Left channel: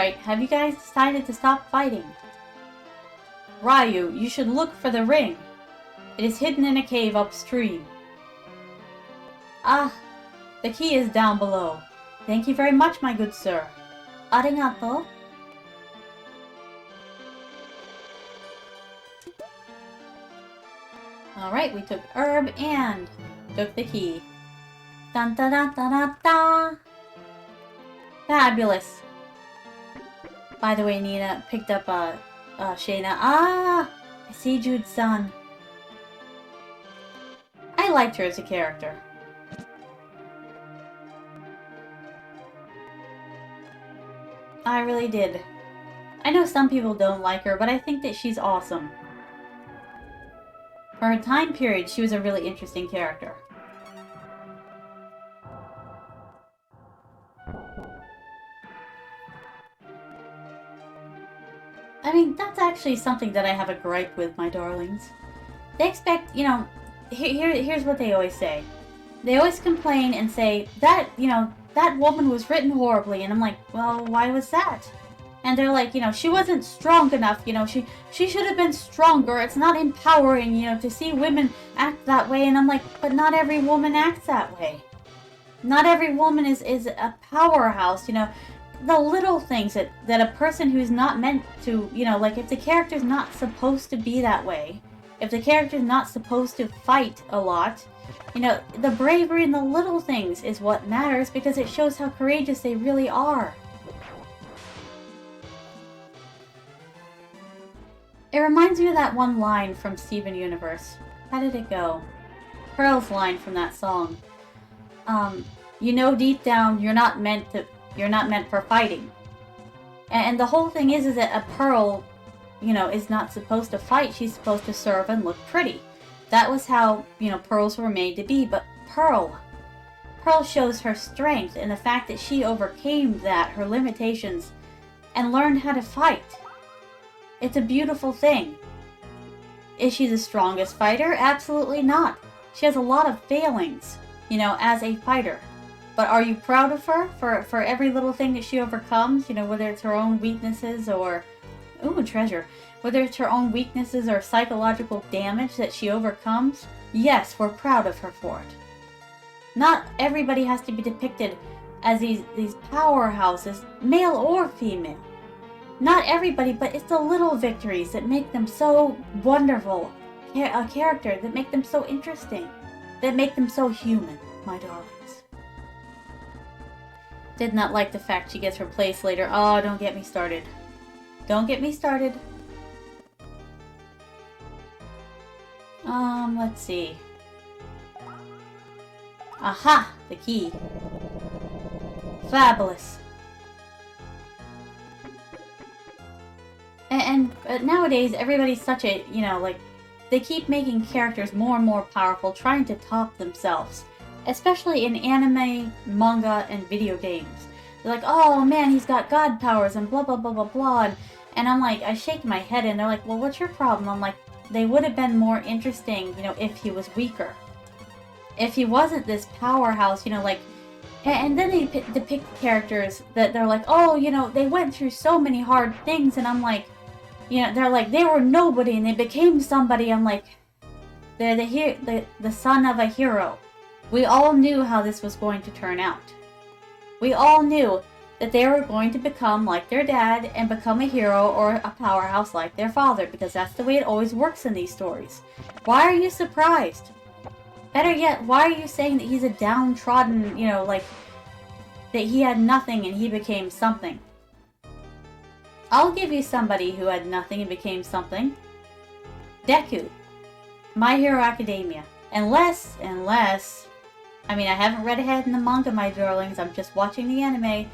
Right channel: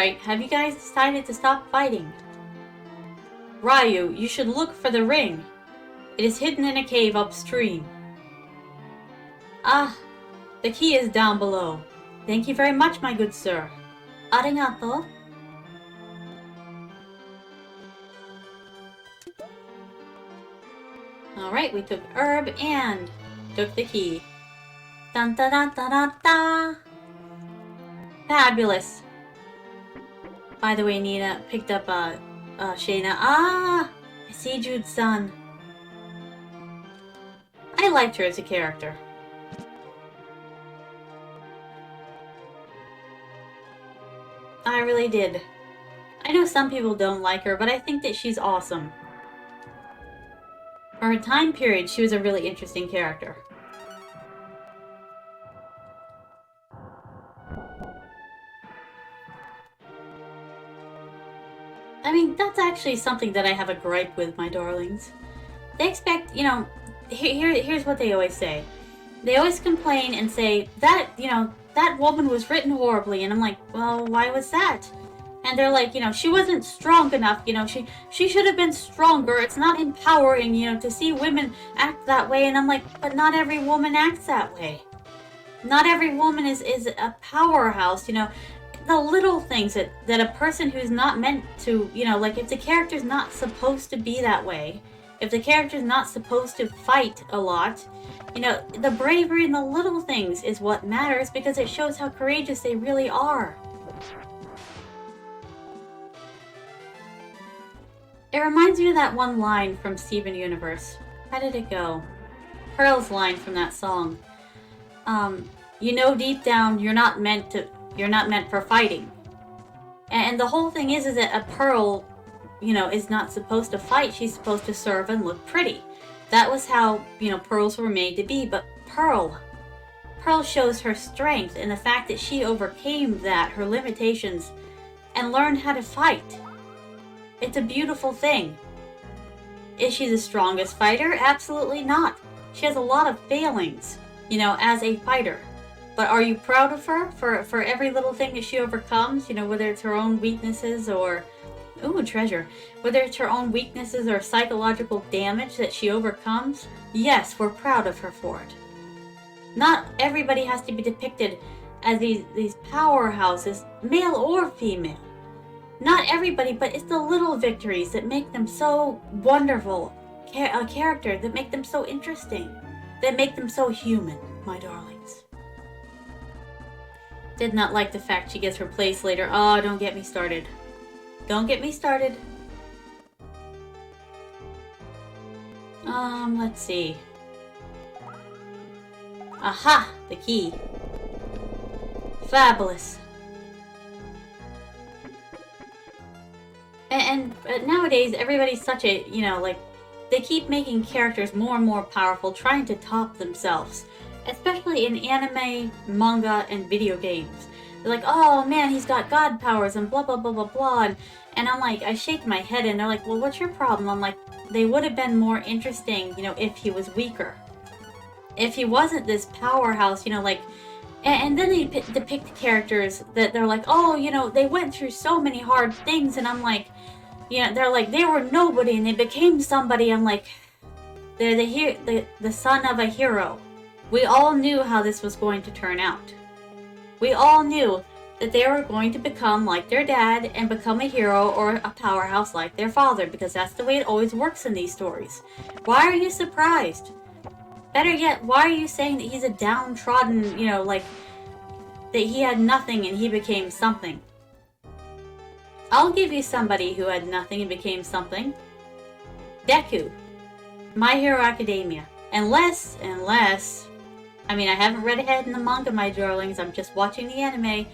Alright, have you guys decided to stop fighting? Ryu, you should look for the ring. It is hidden in a cave upstream. Ah, the key is down below. Thank you very much, my good sir. Arigato. Alright, we took herb and took the key. Dun da da da da da. Fabulous. By the way, Nina picked up Shayna. Ah, I see Jude's son. I liked her as a character. I really did. I know some people don't like her, but I think that she's awesome. For her time period, she was a really interesting character. I mean, that's actually something that I have a gripe with, my darlings. They expect, you know, here's what they always say. They always complain and say, that, you know, that woman was written horribly. And I'm like, well, why was that? And they're like, you know, she wasn't strong enough, you know, she should have been stronger. It's not empowering, you know, to see women act that way. And I'm like, but not every woman acts that way. Not every woman is a powerhouse, you know. The little things that a person who's not meant to, you know, like if the character's not supposed to be that way, if the character's not supposed to fight a lot, you know, the bravery in the little things is what matters because it shows how courageous they really are. It reminds me of that one line from Steven Universe. How did it go? Pearl's line from that song. You know deep down you're not meant for fighting. And the whole thing is that a Pearl, you know, is not supposed to fight. She's supposed to serve and look pretty. That was how, you know, pearls were made to be. But Pearl shows her strength and the fact that she overcame that, her limitations, and learned how to fight. It's a beautiful thing. Is she the strongest fighter? Absolutely not. She has a lot of failings, you know, as a fighter. But are you proud of her for every little thing that she overcomes? You know, whether it's her own weaknesses or... Ooh, treasure. Whether it's her own weaknesses or psychological damage that she overcomes? Yes, we're proud of her for it. Not everybody has to be depicted as these powerhouses, male or female. Not everybody, but it's the little victories that make them so wonderful. A character that make them so interesting. That make them so human, my darlings. Did not like the fact she gets her place later. Oh, don't get me started. Don't get me started. Let's see. Aha! The key. Fabulous. And nowadays, everybody's such a, you know, like, they keep making characters more and more powerful, trying to top themselves. Especially in anime, manga, and video games. They're like, oh man, he's got god powers and blah blah blah blah blah. And I'm like, I shake my head and they're like, well, what's your problem? I'm like, they would have been more interesting, you know, if he was weaker. If he wasn't this powerhouse, you know, like... And then they depict characters that they're like, oh, you know, they went through so many hard things. And I'm like, you know, they're like, they were nobody and they became somebody. I'm like, they're the son of a hero. We all knew how this was going to turn out. We all knew that they were going to become like their dad and become a hero or a powerhouse like their father, because that's the way it always works in these stories. Why are you surprised? Better yet, why are you saying that he's a downtrodden, you know, like, that he had nothing and he became something? I'll give you somebody who had nothing and became something. Deku. My Hero Academia. Unless, I mean, I haven't read ahead in the manga, my darlings, I'm just watching the anime.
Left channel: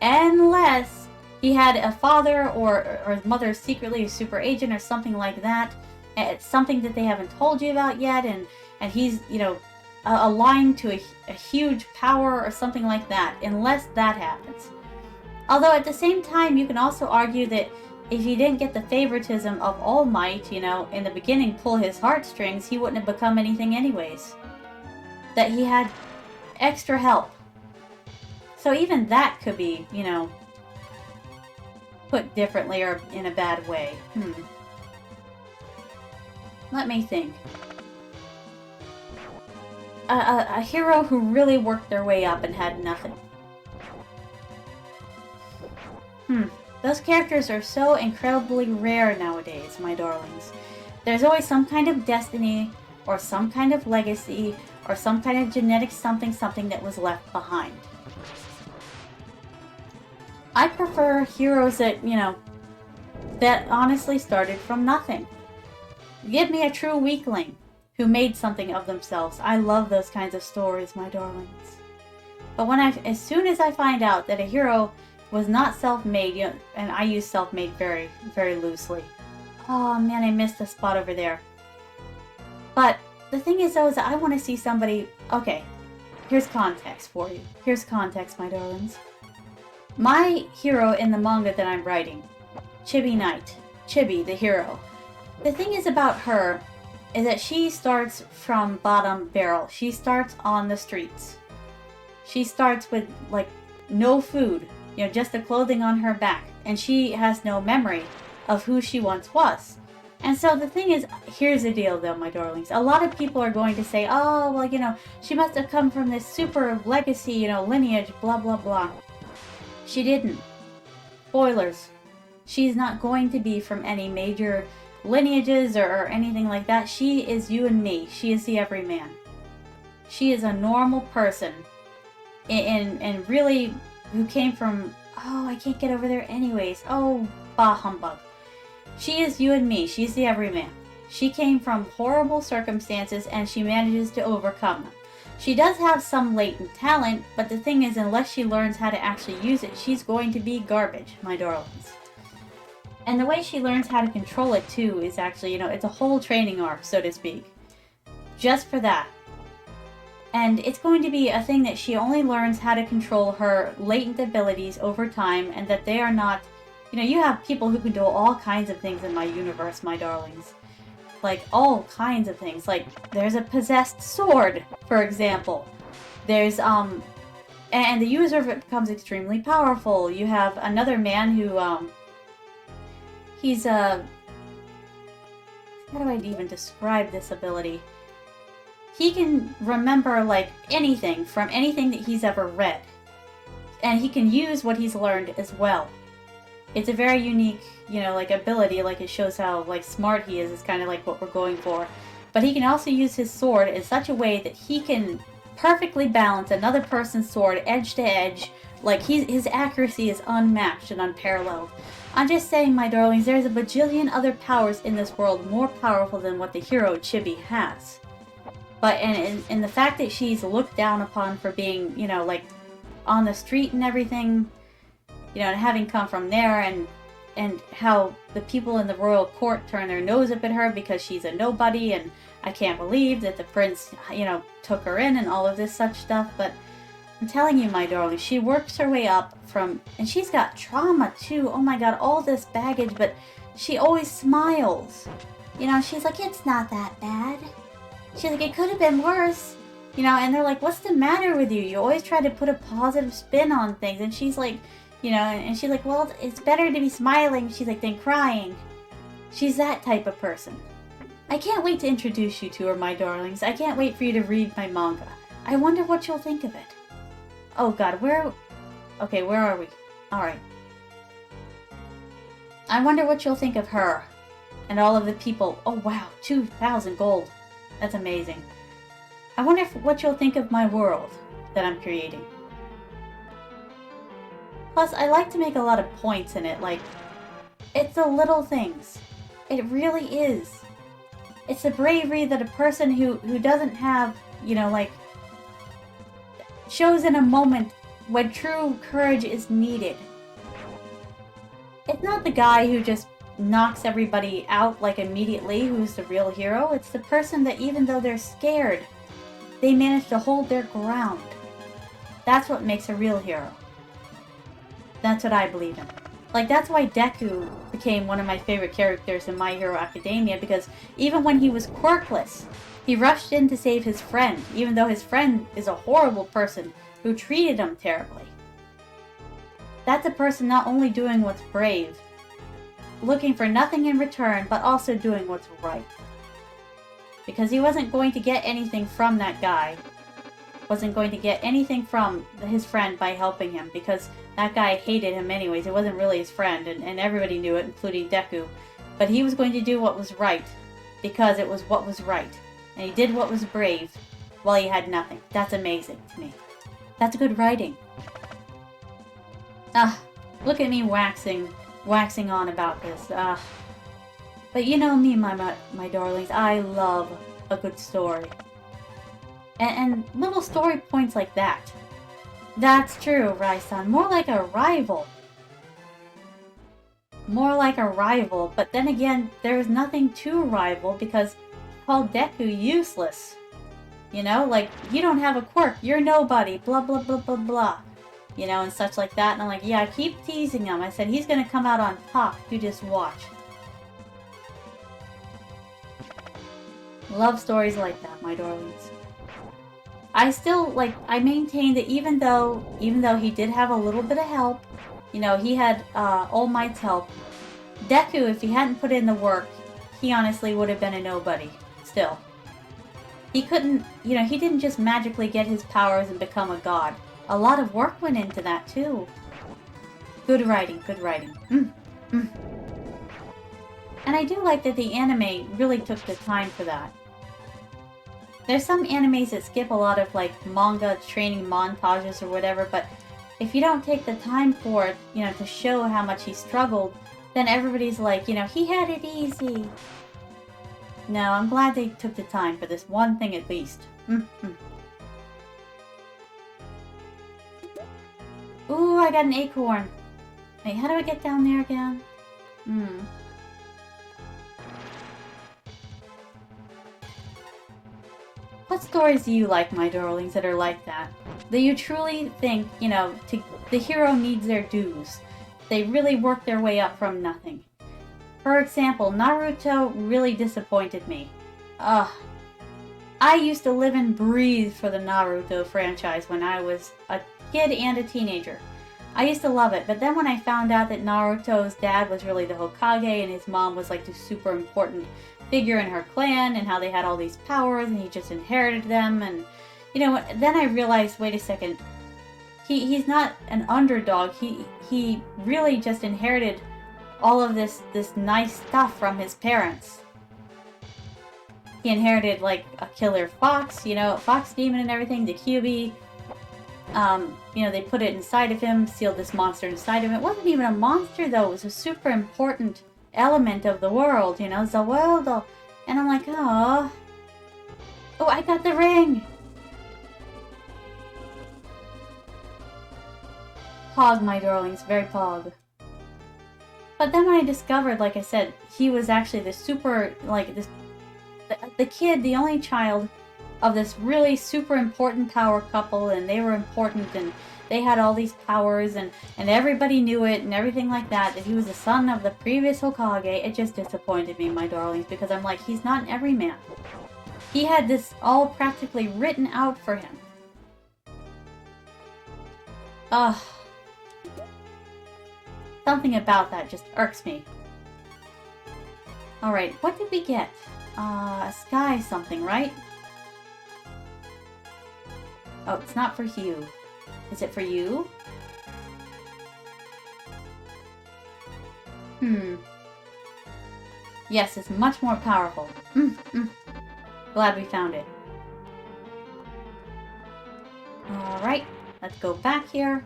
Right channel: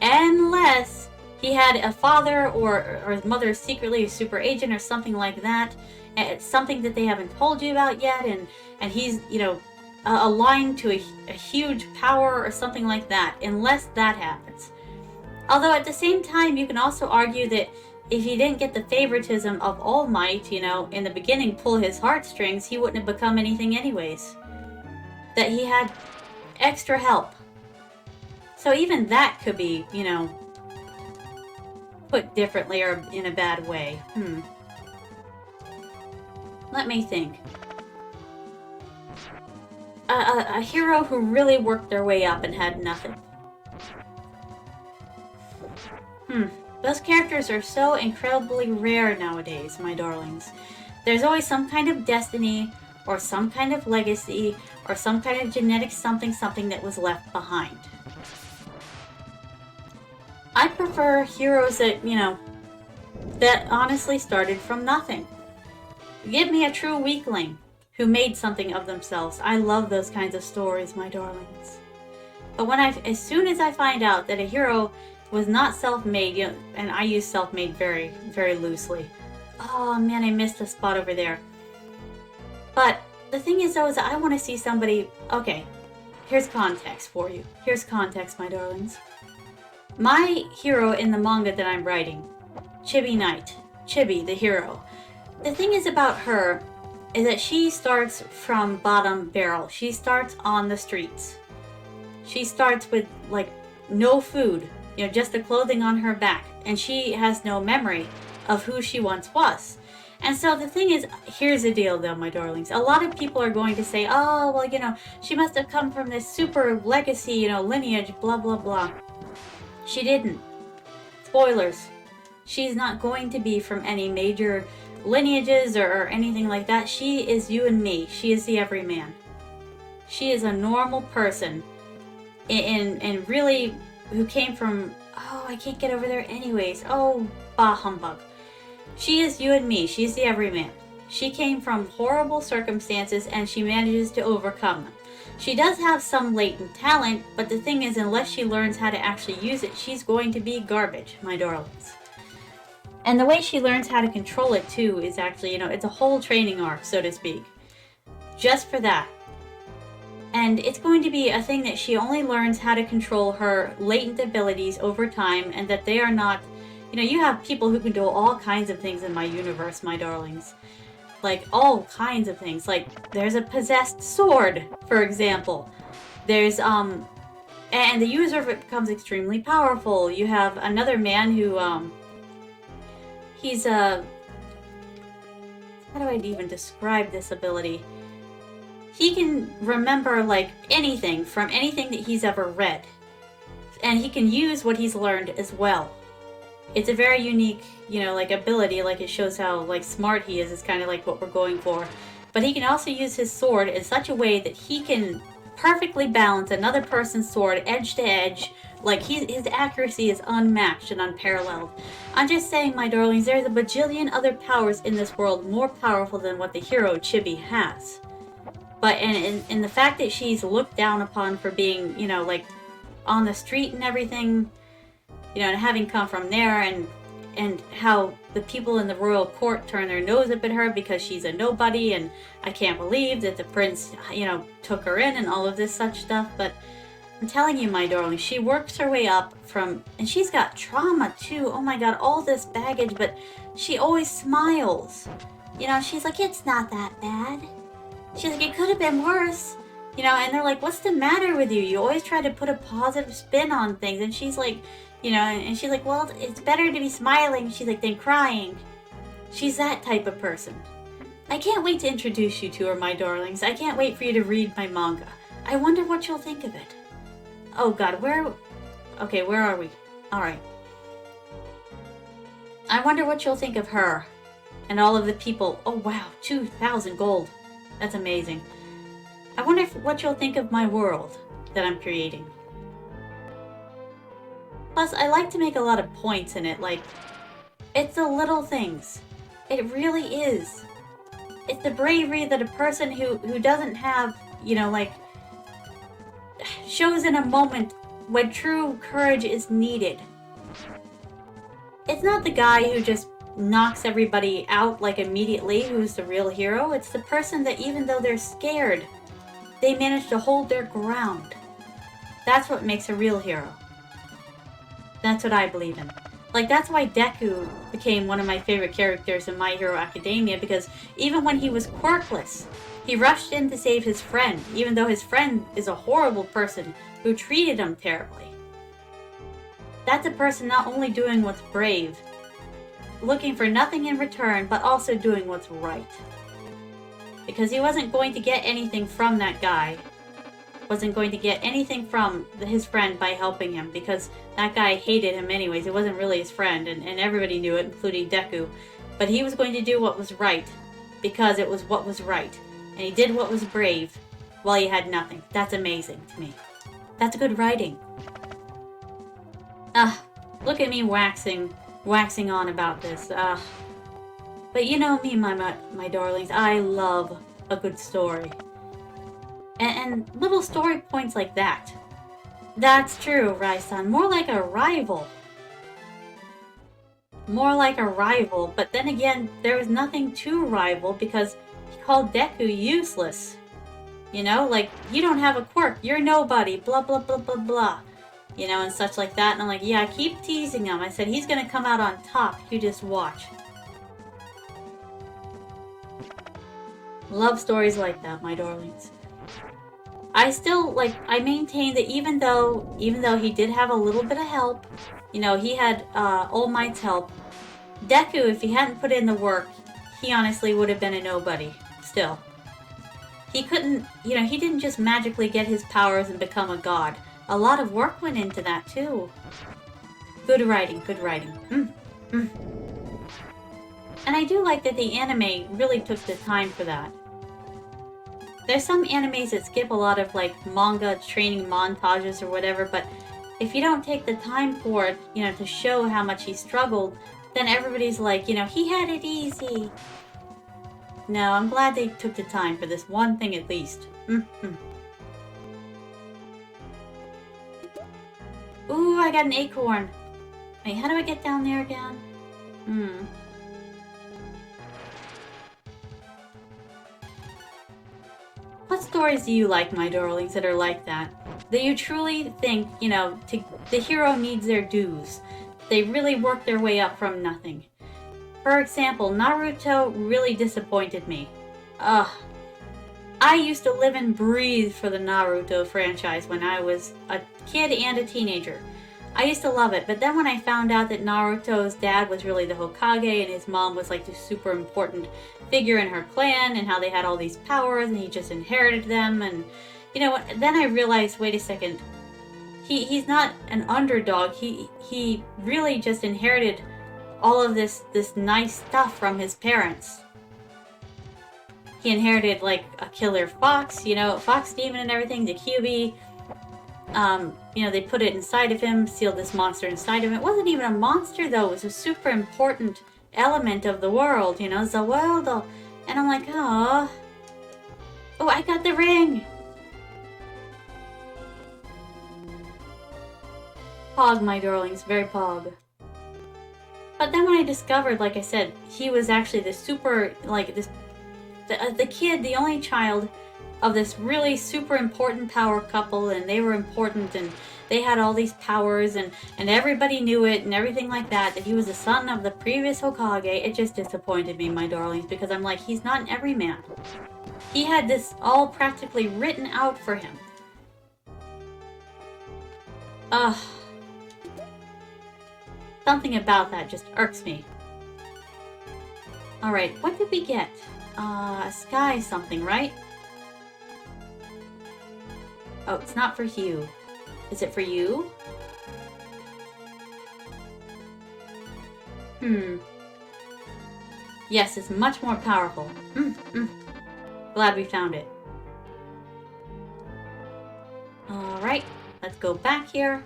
Unless he had a father or his mother is secretly a super agent or something like that. It's something that they haven't told you about yet, and he's, you know, aligned to a huge power or something like that, unless that happens. Although at the same time, you can also argue that if he didn't get the favoritism of All Might, you know, in the beginning pull his heartstrings, he wouldn't have become anything anyways. That he had extra help. So even that could be, you know, put differently or in a bad way? Let me think. A hero who really worked their way up and had nothing. Those characters are so incredibly rare nowadays, my darlings. There's always some kind of destiny, or some kind of legacy, or some kind of genetic something that was left behind. I prefer heroes that, that honestly started from nothing. Give me a true weakling who made something of themselves. I love those kinds of stories, my darlings. But as soon as I find out that a hero was not self-made, and I use self-made very, very loosely. Oh man, I missed a spot over there. But the thing is though, is that I want to see somebody, okay, here's context for you. Here's context, my darlings. My hero in the manga that I'm writing, Chibi Knight, Chibi, the hero. The thing is about her is that she starts from bottom barrel. She starts on the streets. She starts with, like, no food, just the clothing on her back. And she has no memory of who she once was. And so the thing is, here's the deal though, my darlings. A lot of people are going to say, oh, well, she must have come from this super legacy, lineage, blah, blah, blah. She didn't. Spoilers. She's not going to be from any major lineages or anything like that. She is you and me. She is the everyman. She is a normal person. And really, who came from, oh, I can't get over there anyways. Oh, bah humbug. She is you and me. She's the everyman. She came from horrible circumstances and she manages to overcome them. She does have some latent talent, but the thing is, unless she learns how to actually use it, she's going to be garbage, my darlings. And the way she learns how to control it too is actually, it's a whole training arc, so to speak. Just for that. And it's going to be a thing that she only learns how to control her latent abilities over time, and that they are not, you have people who can do all kinds of things in my universe, my darlings. Like, all kinds of things. Like, there's a possessed sword, for example. There's, and the user of it becomes extremely powerful. You have another man who, he's, how do I even describe this ability? He can remember, like, anything from anything that he's ever read. And he can use what he's learned as well. It's a very unique, ability. Like, it shows how, smart he is. It's kind of like what we're going for. But he can also use his sword in such a way that he can perfectly balance another person's sword edge to edge. Like, his accuracy is unmatched and unparalleled. I'm just saying, my darlings, there's a bajillion other powers in this world more powerful than what the hero Chibi has. But and the fact that she's looked down upon for being, on the street and everything, and having come from there, and how the people in the royal court turn their nose up at her because she's a nobody, and I can't believe that the prince, took her in and all of this such stuff. But I'm telling you, my darling, she works her way up from, and she's got trauma too. Oh my god, all this baggage, but she always smiles. She's like, it's not that bad. She's like, it could have been worse. And they're like, what's the matter with you? You always try to put a positive spin on things. And she's like, and she's like, well, it's better to be smiling, she's like, than crying. She's that type of person. I can't wait to introduce you to her, my darlings. I can't wait for you to read my manga. I wonder what you'll think of it. Oh god, okay, where are we? Alright. I wonder what you'll think of her. And all of the people. Oh wow, 2,000 gold. That's amazing. I wonder what you'll think of my world that I'm creating. Plus, I like to make a lot of points in it, like, it's the little things. It really is. It's the bravery that a person who doesn't have, shows in a moment when true courage is needed. It's not the guy who just knocks everybody out, immediately, who's the real hero. It's the person that, even though they're scared, they manage to hold their ground. That's what makes a real hero. That's what I believe in. That's why Deku became one of my favorite characters in My Hero Academia, because even when he was quirkless, he rushed in to save his friend, even though his friend is a horrible person who treated him terribly. That's a person not only doing what's brave, looking for nothing in return, but also doing what's right. Because he wasn't going to get anything from that guy. Wasn't going to get anything from his friend by helping him, because that guy hated him anyways. It wasn't really his friend, and everybody knew it, including Deku. But he was going to do what was right, because it was what was right. And he did what was brave, while he had nothing. That's amazing to me. That's good writing. Look at me waxing on about this. But you know me, my darlings, I love a good story. And little story points like that. That's true, Rai-san. More like a rival. More like a rival, but then again, there's nothing to rival because he called Deku useless. You know, like, you don't have a quirk, you're nobody, blah blah blah blah blah. You know, and such like that, and I'm like, yeah, keep teasing him. I said, he's gonna come out on top, you just watch. Love stories like that, my darlings. I still, like, I maintain that even though he did have a little bit of help, you know, he had All Might's help, Deku, if he hadn't put in the work, he honestly would have been a nobody, still. He couldn't, you know, he didn't just magically get his powers and become a god. A lot of work went into that, too. Good writing, good writing. And I do like that the anime really took the time for that. There's some animes that skip a lot of, like, manga training montages or whatever, but if you don't take the time for it, you know, to show how much he struggled, then everybody's like, you know, he had it easy. No, I'm glad they took the time for this one thing at least. Ooh, I got an acorn. Wait, how do I get down there again? What stories do you like, my darlings, that are like that? That you truly think, you know, the hero needs their dues. They really work their way up from nothing. For example, Naruto really disappointed me. I used to live and breathe for the Naruto franchise when I was a kid and a teenager. I used to love it, but then when I found out that Naruto's dad was really the Hokage and his mom was like the super important figure in her clan and how they had all these powers and he just inherited them, and you know what, then I realized, wait a second, he's not an underdog, he really just inherited all of this nice stuff from his parents. He inherited like a killer fox, you know, fox demon and everything, the Kyuubi. You know, they put it inside of him, sealed this monster inside of him. It wasn't even a monster though, it was a super important element of the world, you know, the world. And I'm like, oh, I got the ring. Pog, my darlings, very pog. But then when I discovered, like I said, he was actually the super, like, the kid, the only child of this really super important power couple, and they were important, and they had all these powers, and everybody knew it, and everything like that he was the son of the previous Hokage. It just disappointed me, my darlings, because I'm like, he's not an everyman. He had this all practically written out for him. Something about that just irks me. Alright, what did we get? A sky something, right? Oh, it's not for Hugh. Is it for you? Yes, it's much more powerful. Glad we found it. Alright, let's go back here.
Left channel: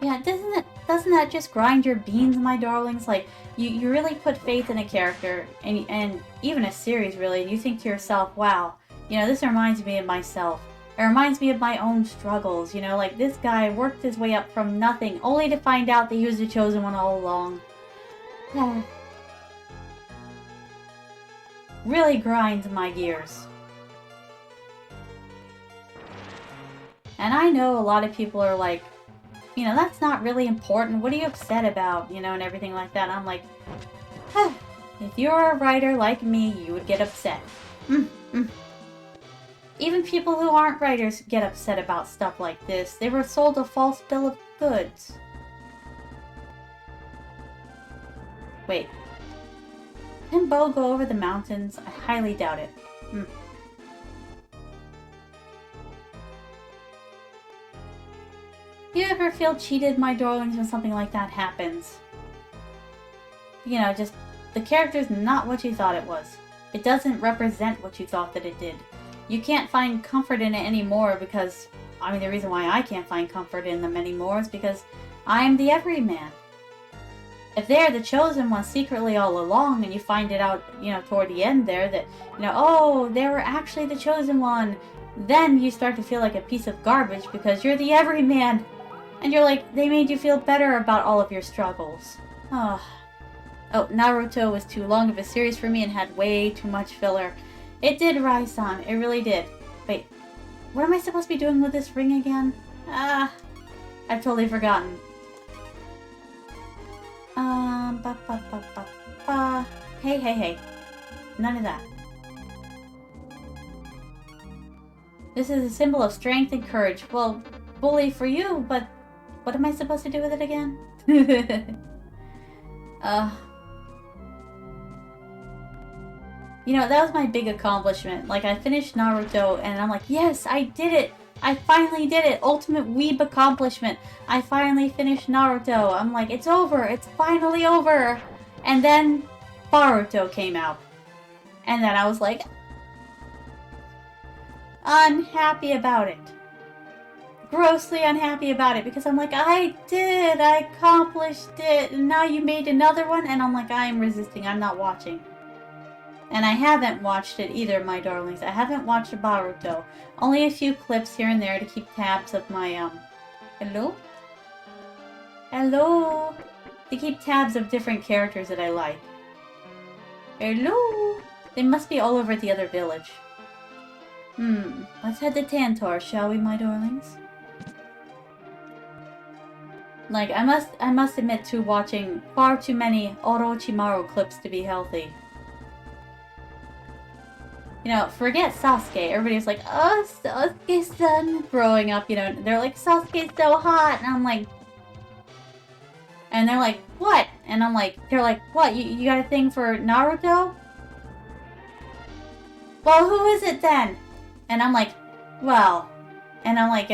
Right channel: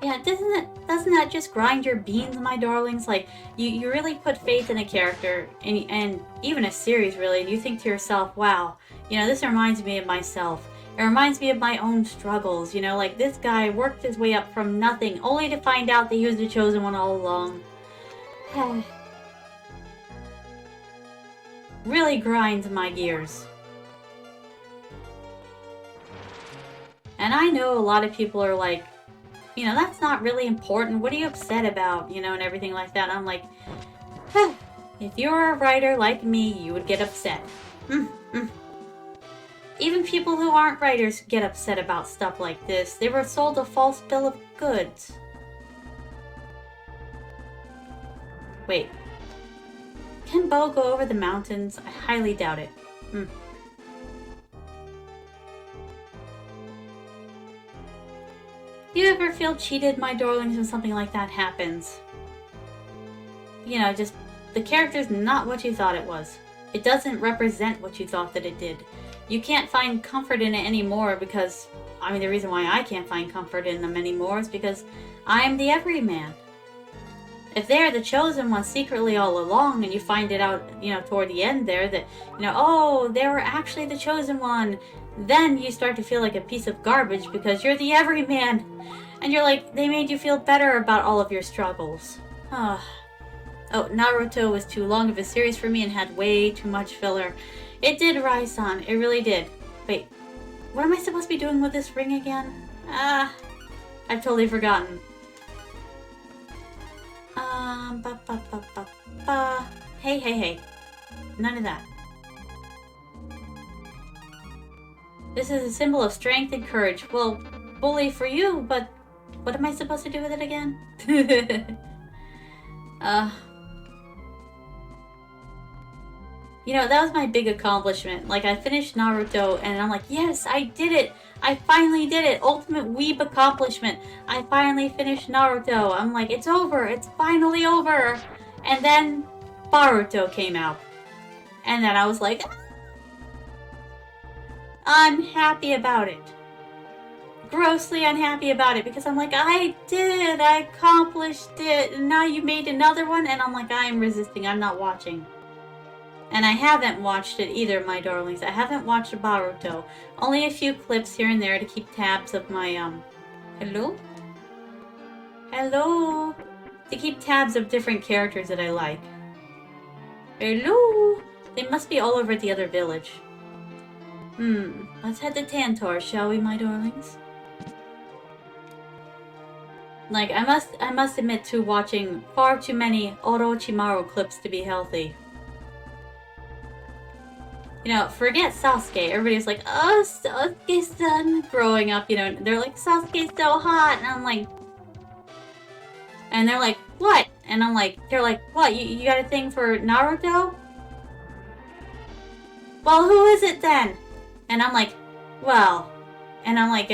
Yeah, doesn't that just grind your beans, my darlings? Like, you really put faith in a character, and even a series, really, and you think to yourself, wow, you know, this reminds me of myself. It reminds me of my own struggles, you know, like this guy worked his way up from nothing, only to find out that he was the chosen one all along. Really grinds my gears. And I know a lot of people are like, you know, that's not really important. What are you upset about? You know, and everything like that. And I'm like, if you're a writer like me, you would get upset. Even people who aren't writers get upset about stuff like this. They were sold a false bill of goods. Wait. Can Bo go over the mountains? I highly doubt it. You ever feel cheated, my darlings, when something like that happens? You know, just the character's not what you thought it was. It doesn't represent what you thought that it did. You can't find comfort in it anymore because, I mean, the reason why I can't find comfort in them anymore is because I am the everyman. If they're the chosen one secretly all along and you find it out, you know, toward the end there that, you know, oh, they were actually the chosen one, then you start to feel like a piece of garbage because you're the everyman. And you're like, they made you feel better about all of your struggles. Oh, Naruto was too long of a series for me and had way too much filler. It did, Rai-san. It really did. Wait, what am I supposed to be doing with this ring again? I've totally forgotten. Hey. None of that. This is a symbol of strength and courage. Well, bully for you, but what am I supposed to do with it again? You know, that was my big accomplishment. Like, I finished Naruto, and I'm like, yes, I did it! I finally did it! Ultimate weeb accomplishment! I finally finished Naruto. I'm like, it's over! It's finally over! And then, Boruto came out. And then I was like, unhappy about it. Grossly unhappy about it, because I'm like, I did! I accomplished it! And now you made another one? And I'm like, I am resisting. I'm not watching. And I haven't watched it either, my darlings. I haven't watched Boruto. Only a few clips here and there to keep tabs of my, Hello? Hello? To keep tabs of different characters that I like. Hello? They must be all over at the other village. Let's head to Tantor, shall we, my darlings? Like, I must admit to watching far too many Orochimaru clips to be healthy. You know, forget Sasuke. Everybody's like, oh, Sasuke-san. Growing up, you know, they're like, Sasuke's so hot. And I'm like... And they're like, what? And I'm like, they're like, what? You got a thing for Naruto? Well, who is it then? And I'm like, well... And I'm like,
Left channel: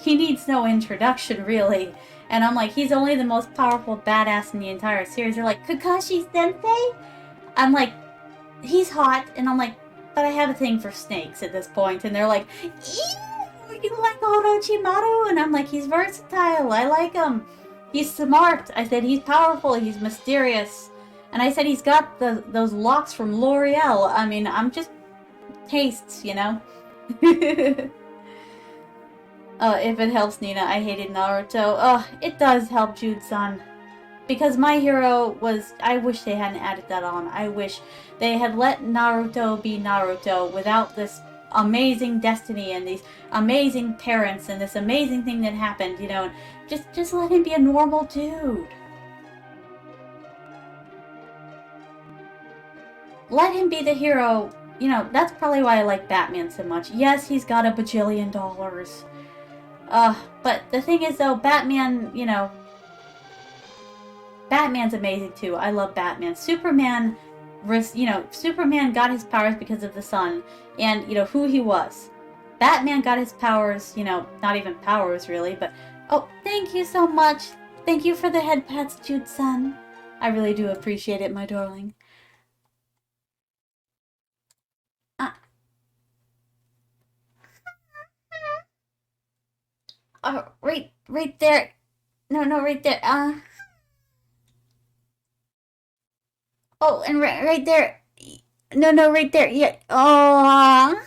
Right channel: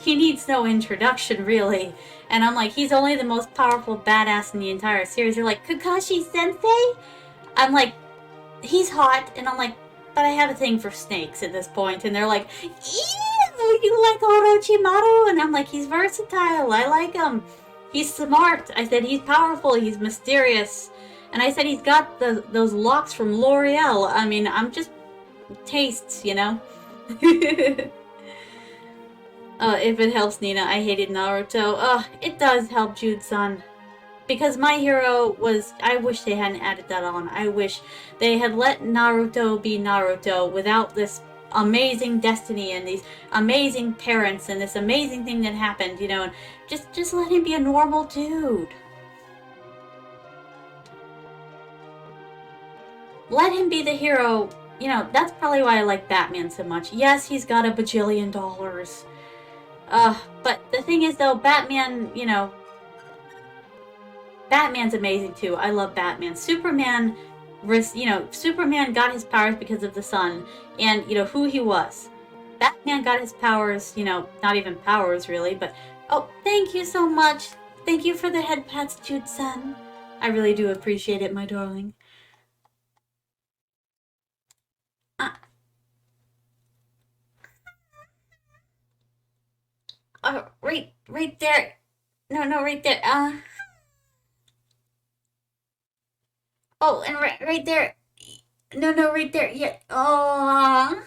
he needs no introduction, really. And I'm like, he's only the most powerful badass in the entire series. They're like, Kakashi-sensei? I'm like, he's hot. And I'm like, but I have a thing for snakes at this point. And they're like, ew, you like Orochimaru? And I'm like, he's versatile. I like him. He's smart. I said, he's powerful. He's mysterious. And I said, he's got those locks from L'Oreal. I mean, I'm just tastes, you know? If it helps, Nina, I hated Naruto. It does help, Jude-san. Because my hero was... I wish they hadn't added that on. I wish they had let Naruto be Naruto without this amazing destiny and these amazing parents and this amazing thing that happened, you know. And just let him be a normal dude. Let him be the hero. You know, that's probably why I like Batman so much. Yes, he's got $1 bajillion. But the thing is, though, Batman, you know... Batman's amazing too. I love Batman. Superman, you know, Superman got his powers because of the sun and, you know, who he was. Batman got his powers, you know, not even powers really, but... Oh, thank you so much. Thank you for the head pats, Jude-san. I really do appreciate it, my darling. Right there. No, right there. Oh, and right there. No, right there. Yeah. Oh.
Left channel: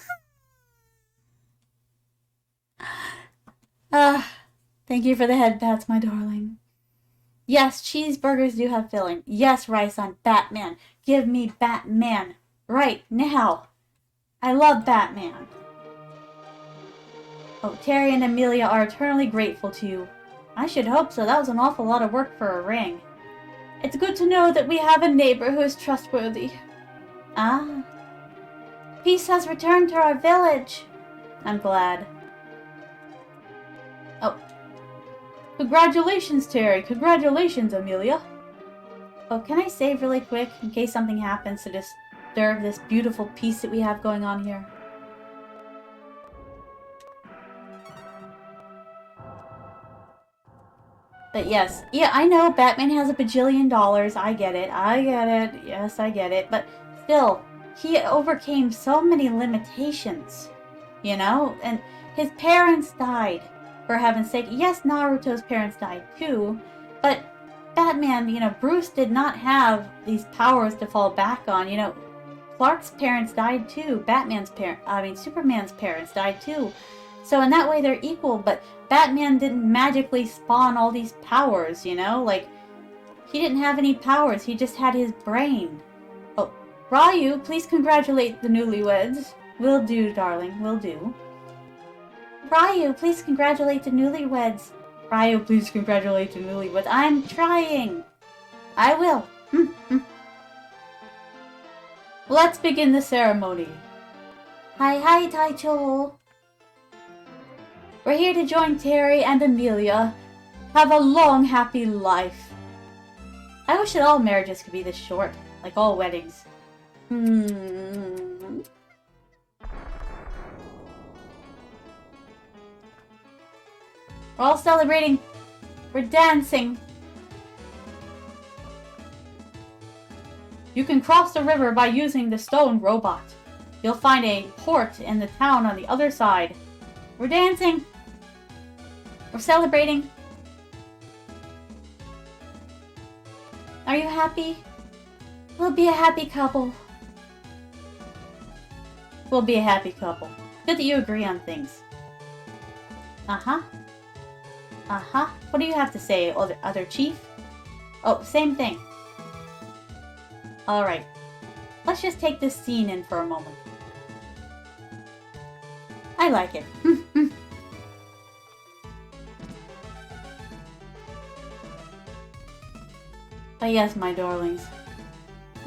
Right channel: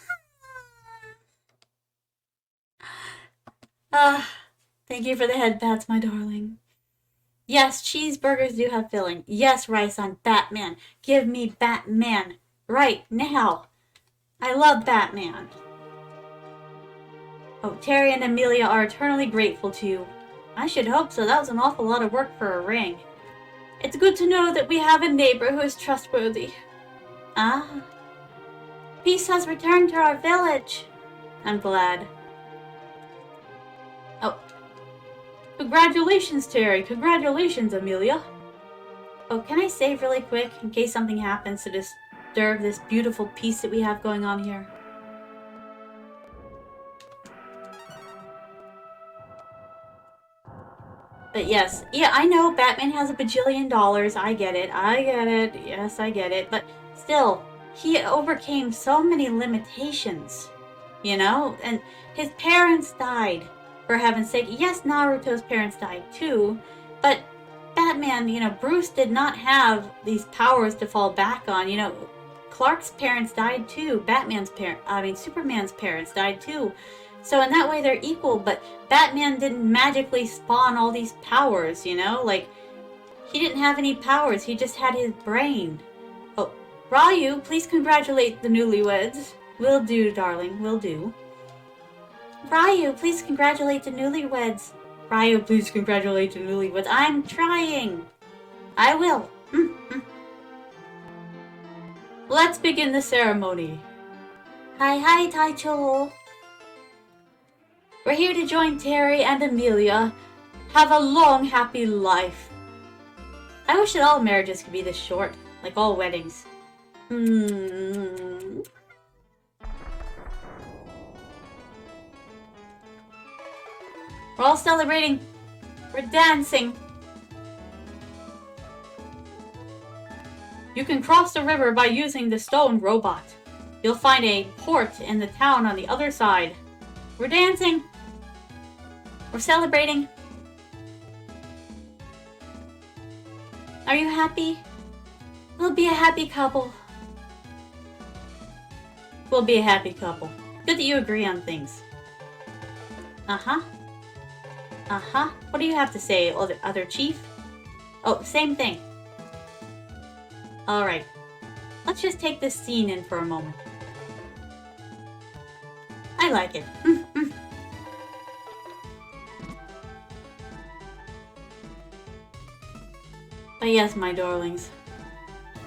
Thank you for the head pats, my darling. Yes, cheeseburgers do have filling. Yes, rice on Batman. Give me Batman. Right now. I love Batman. Oh, Terry and Amelia are eternally grateful to you. I should hope so. That was an awful lot of work for a ring. It's good to know that we have a neighbor who is trustworthy. Ah. Peace has returned to our village. I'm glad. Oh. Congratulations, Terry. Congratulations, Amelia. Oh, can I save really quick in case something happens to disturb this beautiful peace that we have going on here? But yes, yeah, I know Batman has a bajillion dollars. I get it. I get it. Yes, I get it. But still, he overcame so many limitations, you know? And his parents died, for heaven's sake. Yes, Naruto's parents died too, but Batman, you know, Bruce did not have these powers to fall back on. You know, Clark's parents died too. Superman's parents died too. So in that way, they're equal, but Batman didn't magically spawn all these powers, you know? Like, he didn't have any powers. He just had his brain. Oh, Ryu, please congratulate the newlyweds. Will do, darling. Will do. Ryu, please congratulate the newlyweds. Ryu, please congratulate the newlyweds. I'm trying. I will. Let's begin the ceremony. Hi, Taicho. We're here to join Terry and Amelia. Have a long, happy life. I wish that all marriages could be this short, like all weddings. We're all celebrating. We're dancing. You can cross the river by using the stone robot. You'll find a port in the town on the other side. We're dancing. We're celebrating. Are you happy? We'll be a happy couple. We'll be a happy couple. Good that you agree on things. Uh-huh. What do you have to say, other chief? Oh, same thing. Alright. Let's just take this scene in for a moment. I like it. But yes, my darlings.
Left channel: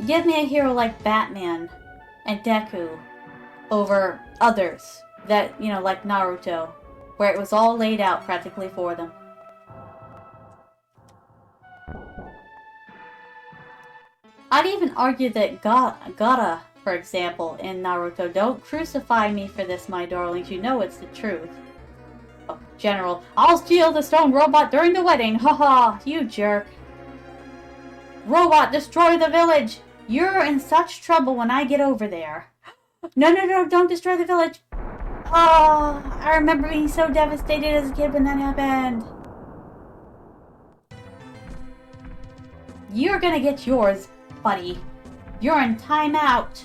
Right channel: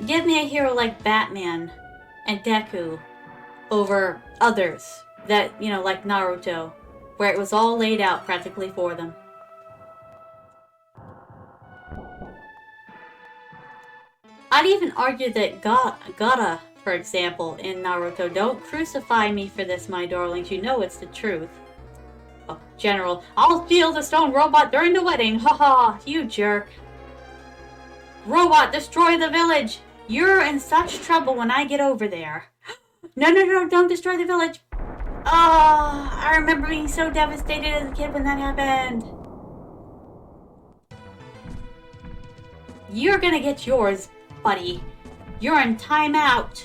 Give me a hero like Batman and Deku over others that, you know, like Naruto, where it was all laid out practically for them. I'd even argue that Gaara, for example, in Naruto. Don't crucify me for this, my darlings. You know it's the truth. Oh, General, I'll steal the stone robot during the wedding. Haha, you jerk. Robot, destroy the village. You're in such trouble when I get over there. No, don't destroy the village. Oh, I remember being so devastated as a kid when that happened. You're gonna get yours, buddy. You're in timeout.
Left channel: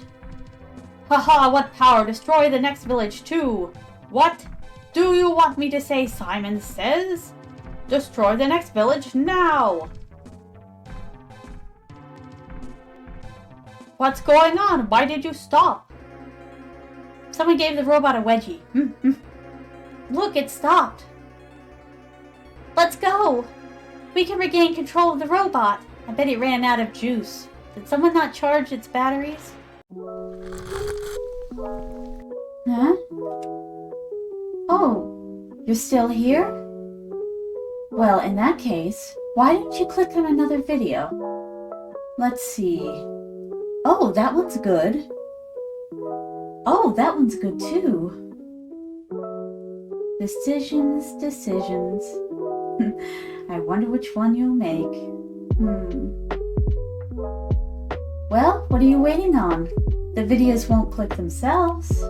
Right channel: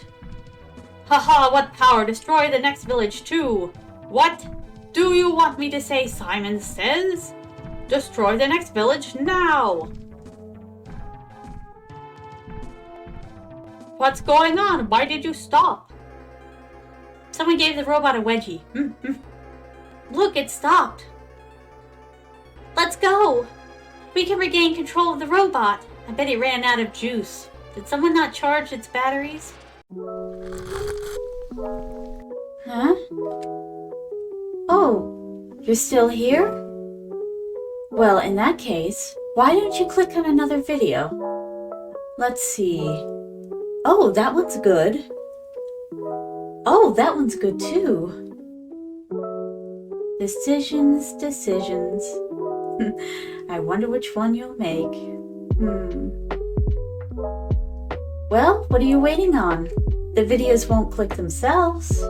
Haha, what power? Destroy the next village too. What? Do you want me to say Simon Says? Destroy the next village now. What's going on? Why did you stop? Someone gave the robot a wedgie. Look, it stopped. Let's go. We can regain control of the robot. I bet it ran out of juice. Did someone not charge its batteries? Huh? Oh, you're still here? Well, in that case, why don't you click on another video? Let's see. Oh, that one's good. Oh, that one's good too. Decisions. I wonder which one you'll make. Well, what are you waiting on? The videos won't click themselves.